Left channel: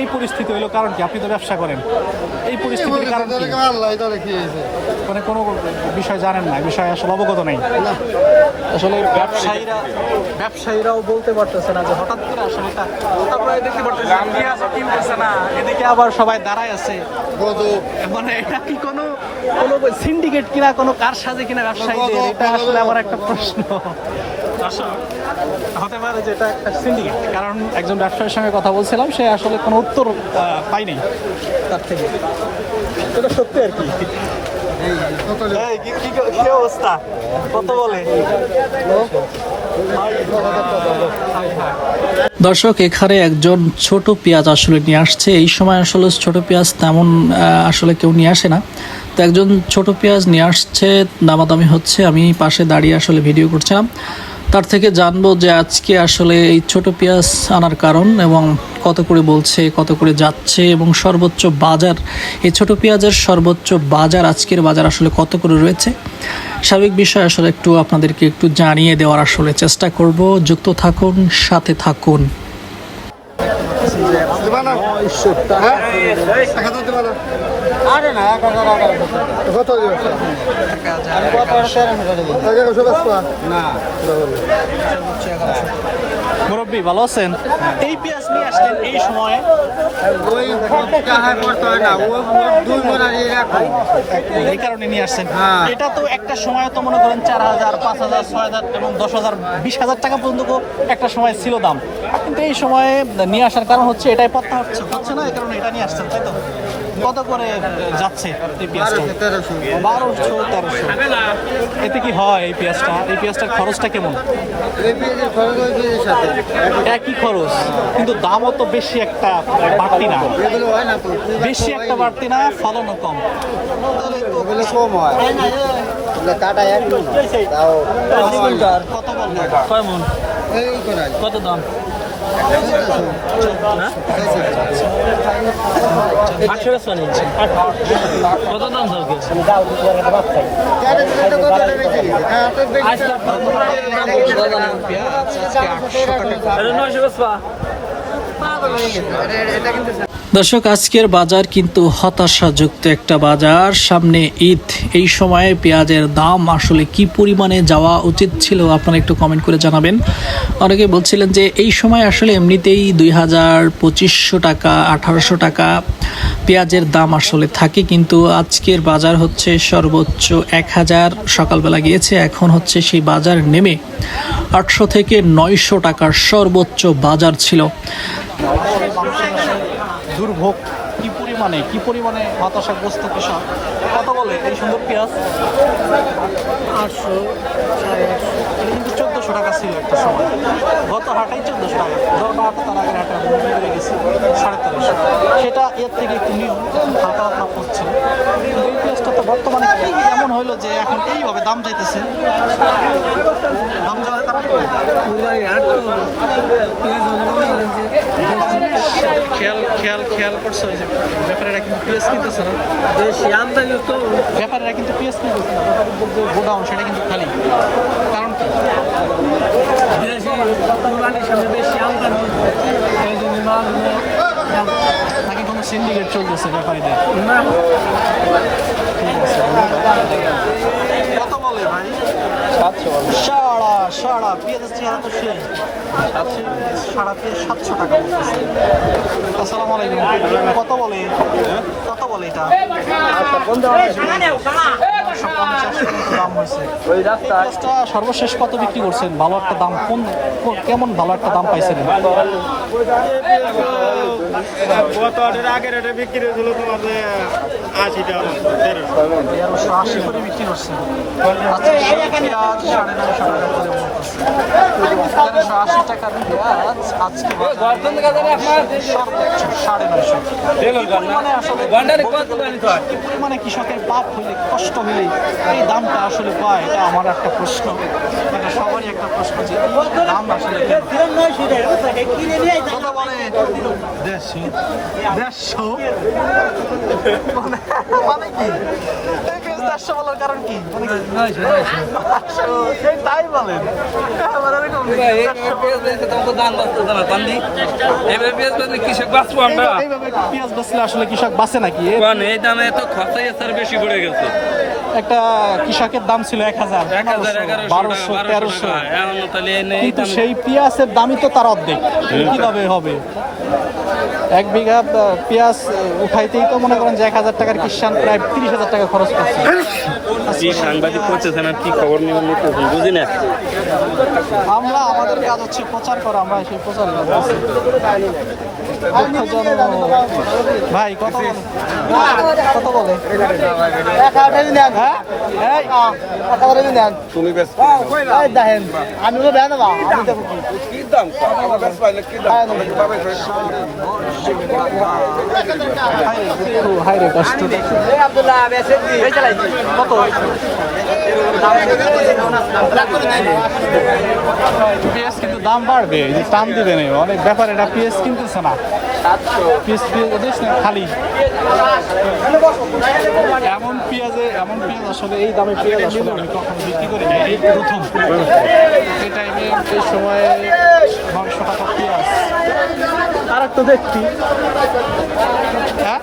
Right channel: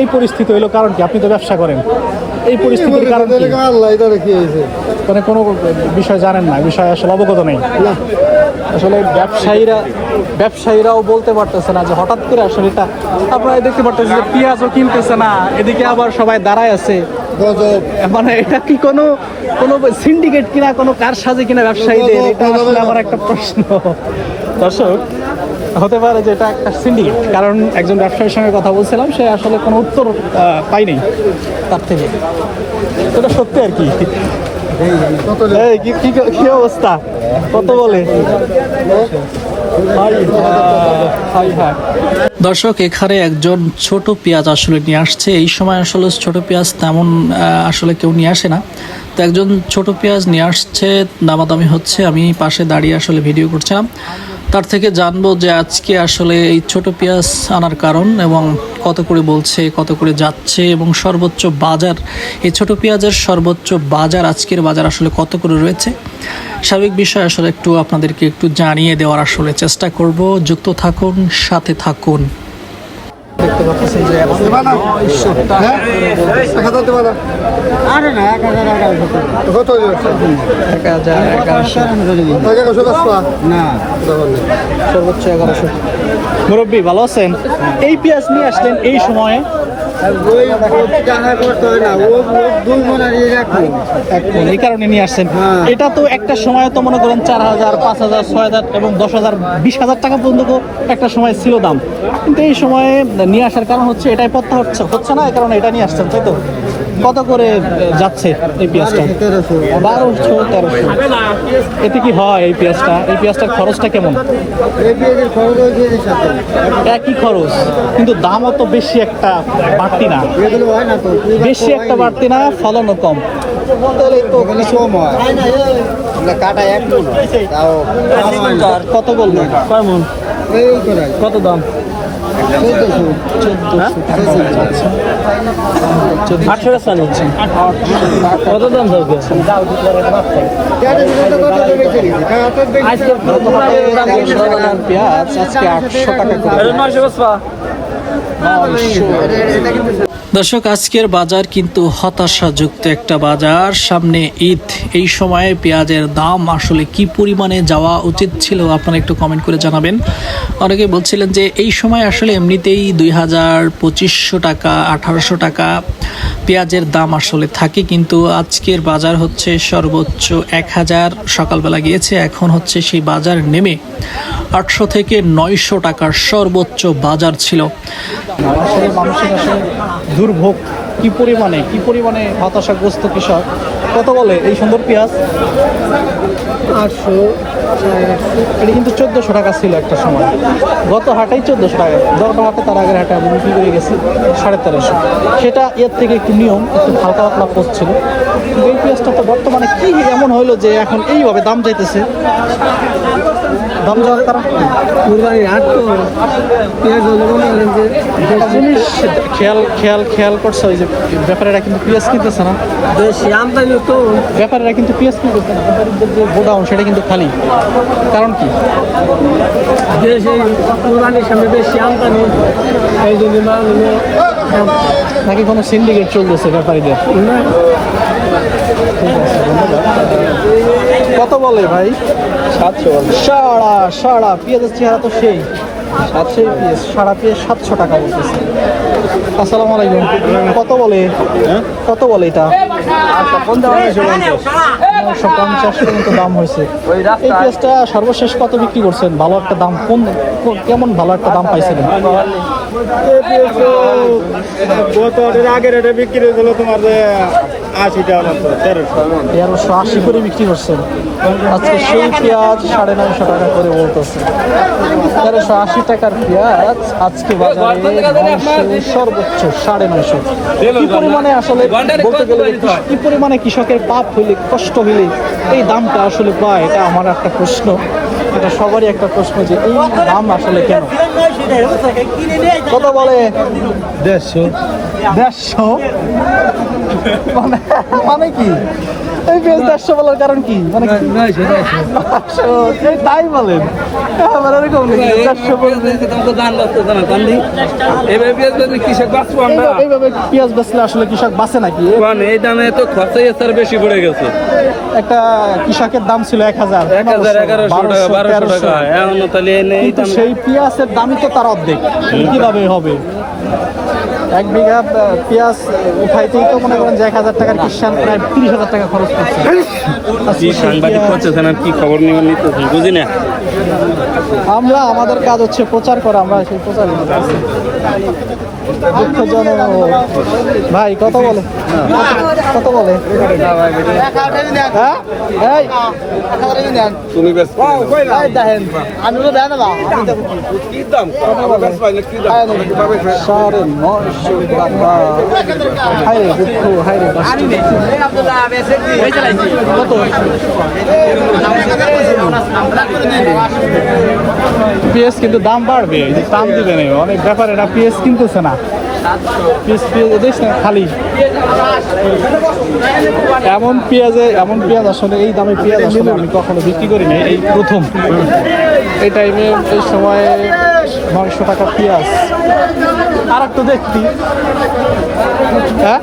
এই পরিস্থিতি হলো কারণ কি? আপনি তো ব্যবসা করেন, এই পরিস্থিতির কারণ কি? মানে কোনো বিষয় জানেন না, এই বিষয়ে আসলে অবগত নেই। আসলে ব্যবসায়ীরাও বলতে পারতেছে না যে হঠাৎ করে আসলে এটা আপনারা দেখতে পারতেছেন যে পেঁয়াজও কিনতেছে না, এদিকে আবার সবাই দাঁড়ায় আছে। মানে এটা কি কোনো সিন্ডিকেট কিনা, কোনো কার সাজে কিনা ব্যবসায়ীদের? এটা আসলে আমার একটা প্রশ্ন। দর্শক, হতে পারে যে এটা একটা সিন্ডিকেট, কারণ একজন ব্যবসায়ীর সঙ্গে কথা বলছিলাম, সে আসলে কোনো উত্তর পাইনি তার থেকে। এটা সত্যি আর কি। কি অবস্থা? কত বলে? দর্শক, এখানে একজন ছোট পেঁয়াজ আসলে নিয়ে আসছে। এই সময় আসলে ছোট পেঁয়াজ তেমন আসলে কেউ নিয়ে আসে না, তো একজন ছোট পেঁয়াজ নিয়ে আসছে, দামাদামি হচ্ছে। আমি পাশে দাঁড়িয়ে আসলে ভিডিও করছিলাম, তার থেকে জানবো যে আজকে আসলে এই ছোট পেঁয়াজ আনার কারণ এবং কত করে বলছে, কত করে যাচ্ছে, এবং সর্বোচ্চ বাজার, এই ছোট পেঁয়াজের সর্বোচ্চ বাজার, আজকের বাজার আসলে কত করে রয়েছে। স্বাভাবিক বিষয় আসলে একটু আপনাদেরকে একটু জানিয়ে দেওয়ার আসলে চেষ্টা করব। যুক্ত থাকুন, সাথে থাকুন। দেখতে পাচ্ছেন যে সর্বোচ্চ 1100। মুরব্বী ভালো আছেন? এই পেঁয়াজ নিয়ে আসলেন এই সময়ে? এই কারণে নিয়ে আসছেন। এটা তো একটা সময় তো মনে করেন 4000, 5000, 6000 এবং 10000, 20000 টাকা পর্যন্ত একটা সময় ছিল দাম, কিন্তু এই সময়ে নিয়ে আসার কারণ হচ্ছে এটাই পত্তা হচ্ছে না, এই কারণে এটা নিয়ে আসছেন, তাই তো? কত করে যাচ্ছে এই পেঁয়াজটা? 1200, 1300। এতে কি হয় এই পেঁয়াজটার খরচটা কেমন? একই খরচ, কিন্তু দামও তো বেশি একটা বাড়তি না, ফলনও কম। কত বলবেন? কত দাম? 1400। কত দাম থাকবে? পেঁয়াজ আজকে 800 টাকা করে। দর্শক, আজকের বাজার কিন্তু হতাশাযুক্ত একটা বাজার। সামনে ঈদ, এই সময়ে পেঁয়াজের দাম আসলে কি পরিমাণে যাওয়া উচিত ছিল আপনারা একটু কমেন্ট করে জানাবেন। অনেকে বলছিলেন যে এই সময় আসলে এমনিতেই 2000, 2500 টাকা, 1800 টাকা পেঁয়াজের দাম আসলে থাকে, কিন্তু আজকের বাজার হচ্ছে সর্বোচ্চ 1000 সকালবেলা গিয়েছে, এখন হচ্ছে সেই বাজার নেমে 800 থেকে 900 টাকার সর্বোচ্চ বাজার ছিল। আসলে মানুষের আসলে দুর্ভোগ কি পরিমাণে হতাশাগ্রস্ত কৃষক। কত বলে এই সুন্দর পেঁয়াজ? 800, 850। এটা কিন্তু 1400 টাকা ছিল একটা সময়, গত হাটেই 1400 টাকা, গত হাটে তার আগের হাটে আমি বিক্রি করে গেছি 1350। সেটা এর থেকে একটু নিয়ম, একটু হালকা পাতলা পোস্ট ছিল, কিন্তু এই পেঁয়াজটা তো বর্তমানে কি এমন হইলো যে এখন এইভাবে দাম যাইতেছে? দাম যাওয়ার কারণ খেয়াল করছো যে ব্যাপারীরা কিন্তু পেঁয়াজ কিনতেছে না, ব্যাপারীরা কিন্তু পেঁয়াজ কিনতেছে না, ব্যাপারীদের যে গোডাউন সেটা কিন্তু খালি। কারণ কি? কুরবানির সামনে বেশি আমদানি, এই জন্য নাকি কোনো সিন্ডিকেট চলতেছে ব্যাপারীদের? ঠিক আছে, ধন্যবাদ। কত বলে ভাই? 700। সারা পেঁয়াজের চেহারা তো সেই 700 পিস, সারা পেঁয়াজ 700 টাকা বলতেছে। আসসালামু আলাইকুম। কত বলে? কত বলে এটা? 950 পর্যন্ত দাম হয়েছে। এই পেঁয়াজটা সর্বশেষ কত বিক্রি করছেন? ভালো একটা দাম কেমন ভালো একটা দাম পাইছিলেন? আগের এটা বিক্রি হয়েছিল তোমার 80 টাকা, 1380 করে বিক্রি করছেন। আজকে সেই পেঁয়াজ 950 টাকা করে বলতেছে। 1380 টাকার পেঁয়াজ আজকে বাজারে 900, সর্বোচ্চ 950। কি পরিমাণে আসলে বলতে গেলে কি পরিমাণে কৃষকের পাপ হইলে, কষ্ট হইলে এই দামটা আসলে পায়, এটা আমার একটা প্রশ্ন, এটা সবারই একটা প্রশ্ন যে এই দাম আসলে কেন? কত বলে? 150। মানে কি এই পেঁয়াজ 150 বলার কারণ কি? মানে তাই বলেন আমার এরকম নেই 400 বলবে এইভাবে পেঁয়াজ বেচলে আসলে কৃষক বাঁচে নাকি এই দামে তো খরচাই স্যার বেশি পড়ে গেছে। একটা কৃষকের দাম ছিল 1000 1100 টাকা 1200 টাকা এখন তাহলে কিন্তু সেই পেঁয়াজের দামই তো তার অর্ধেক কিভাবে হবে 1 বিঘা পেঁয়াজ উঠাইতেই তো মনে করেন যে 1000 টাকার কিষান প্রায় 30,000 টাকা খরচ করছে কি সাংবাদিক করতেছেন আর কি খবর নিয়ে নিতেছেন বুঝি না। আমরা আমাদের কাজ হচ্ছে প্রচার করা আমরা সেই প্রচার করতেছি দুঃখজনক ভাই কত বলে কত বলে হ্যাঁ তুমি বেশ আমি তো দেন না আমি দেবো কি দাম কত বলে 950 টাকা হাই রে দুঃখ হাই রে কষ্ট কত পিএস কিন্তু দাম বাড়বে এই যে টান দিবে না অনেক ব্যাপার এটা পিএস কিনতেছে না পিএস দেশ না খালি এমন পেঁয়াজ আসলে এই দামে পেঁয়াজ আসলে আমি কখনো বিক্রি করি না এই প্রথম এই টাইমে এই সময়ে 900 টাকা পেঁয়াজ আর একটু দেখছি হ্যাঁ